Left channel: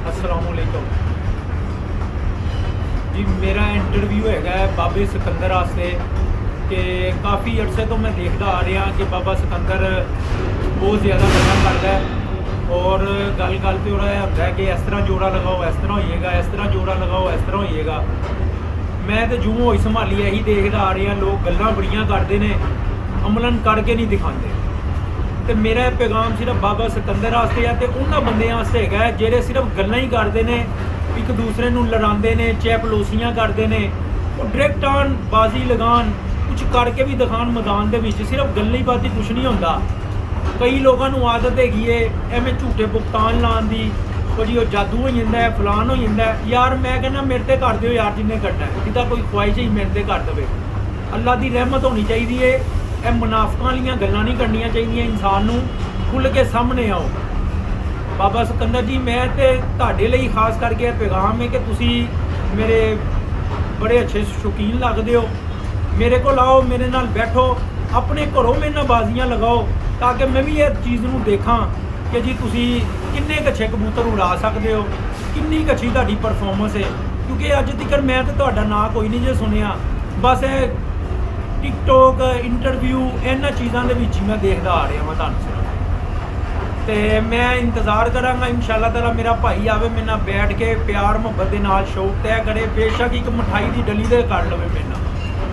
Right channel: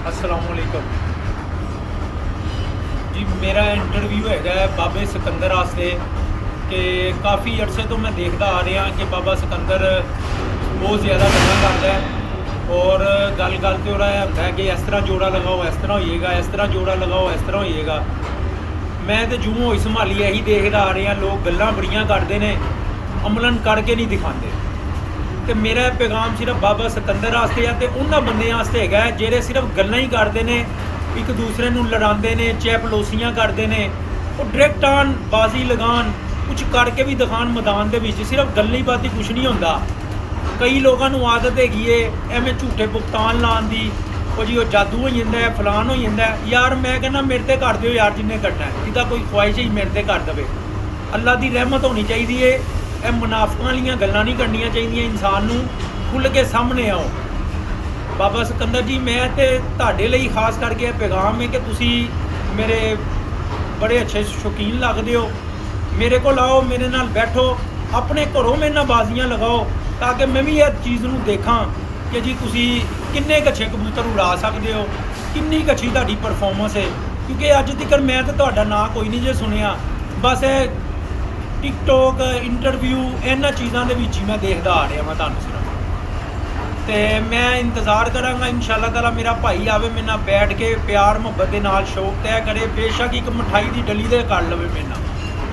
अस्सलामुअलैकुम जी। मेरा इंटरव्यू है बाबे सिकंदर वास्ते कि काफ़ी अरसे तो मैं देखता आ रहा कि बाबा सिकंदर बहुत ज़्यादा गल्लां करदा है और गल गल ते ओहदा होंदा है कि इस तरह जोड़ा लगाओ इस तरह होइएगा, इस तरह जोड़ा लगाओ इस तरह होइएगा। मैं तो जूं होई संभाली यही देखदा आ रहा, लोग गल्लां बड़ियां करते हैं, अमलन करके नहीं दिखाते। तो मेरा पैगाम सिर्फ बाबा सिकंदर वास्ते है, तो उन्होंने बंदे वास्ते है ਜਿਹੜੇ सिर्फ गल्लां ही करते हैं, एक दूसरे ਨੂੰ लड़ाते हैं, चैपलोसियां करते हैं, वो डायरैक्ट आन बाजी लगान कुछ करके भी दिखान मैदान के सिर्फ गल्ली बाती कुछ नहीं होता। कई लोगों आदत हैगी है एवं झूठे भुगतान लाने की, वो जी वो जादू हो जाता है, फलान हो जाता है। यार मैं कहना मेरे ते कर दियो यार, जिन्हें करना है जिदा कोई ख्वाहिश ही मेरे ते कर दे। अल्लाह की रहमत होनी चाहिए है, ਇਹ ਮੁਨਾਫਕਾਂ ਵਾਲੀਆਂ ਗੱਲਾਂ ਨਹੀਂ ਕਰਨੀਆਂ ਚਾਹੀਦੀਆਂ। ਇਨਸਾਨ ਨੂੰ ਖੁੱਲ੍ਹ ਕੇ ਸਾਹਮਣੇ ਆਓ। ਬਾਬਾ ਸਿਕੰਦਰ ਜੀ, ਮੈਂ ਤੇ ਤੁਹਾਡੇ ਲਈ ਖਾਸ ਕਰਕੇ ਇਹ ਪੈਗਾਮ ਹੈ ਕਿ ਤੁਸੀਂ ਮੇਰੇ ਬੜੇ ਅੱਛੇ ਸ਼ੌਕੀਨ ਲੱਗਦੇ ਹੋ। ਮੇਰੇ ਕੋਲ ਆਓ, ਮੇਰੇ ਨਾਲ ਬੈਠੋ, ਆਪਣੇ ਘਰੋਂ ਮੇਰੇ ਨਾਲ ਬਾਜ਼ੀਆਂ ਲਗਾਓ ਤਾਂ ਕਿ ਮੈਂ ਵੀ ਇਹ ਚੀਜ਼ ਨੂੰ ਦੇਖਾਂ ਕਿ ਜੀ ਤੁਸੀਂ ਕਿੰਨੇ ਅੱਛੇ ਕਬੂਤਰ ਉਡਾ ਸਕਦੇ ਹੋ, ਕਿੰਨੀ ਅੱਛੀ ਤੁਹਾਡੀ ਪਰਫਾਰਮੈਂਸ ਹੈ। ਕਿਉਂਕਿ ਅੱਜ ਤੱਕ ਮੈਂ ਤੇ ਤੁਹਾਡਾ ਨਾਂ ਕੋਈ ਨਹੀਂ ਜੇ ਸੁਣਿਆ, ਬਸ ਇਹ टिकटॉक इंटरव्यू इन्होंने चीज़ों के ही मैं देखता आ रहा वहाँ सिर्फ। तो मैं इंतज़ार कराँगा इंशाअल्लाह ताला मेरा भाई आवे, मेरे नाल बैठ के प्यार मुहब्बत के नाल शौक तय करे। बेशक एक मिठाई की डली दे कर लवे मेरे नाल,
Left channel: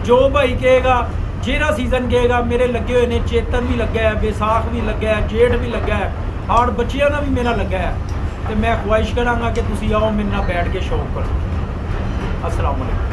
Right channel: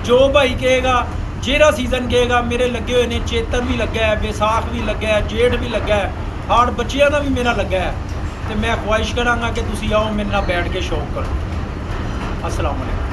जो भाई कहेगा, जेड़ा सीजन कहेगा। मेरे लगे हुए ने, चेतन भी लगा है, बैसाख भी लगा है, जेठ भी लगा है, हाड़ बच्चों का भी मेरा लगा है। तो मैं ख्वाहिश कराँगा कि तुसी आओ मेरे नाल बैठ के शौक करो। अस्सलाम वालेकुम।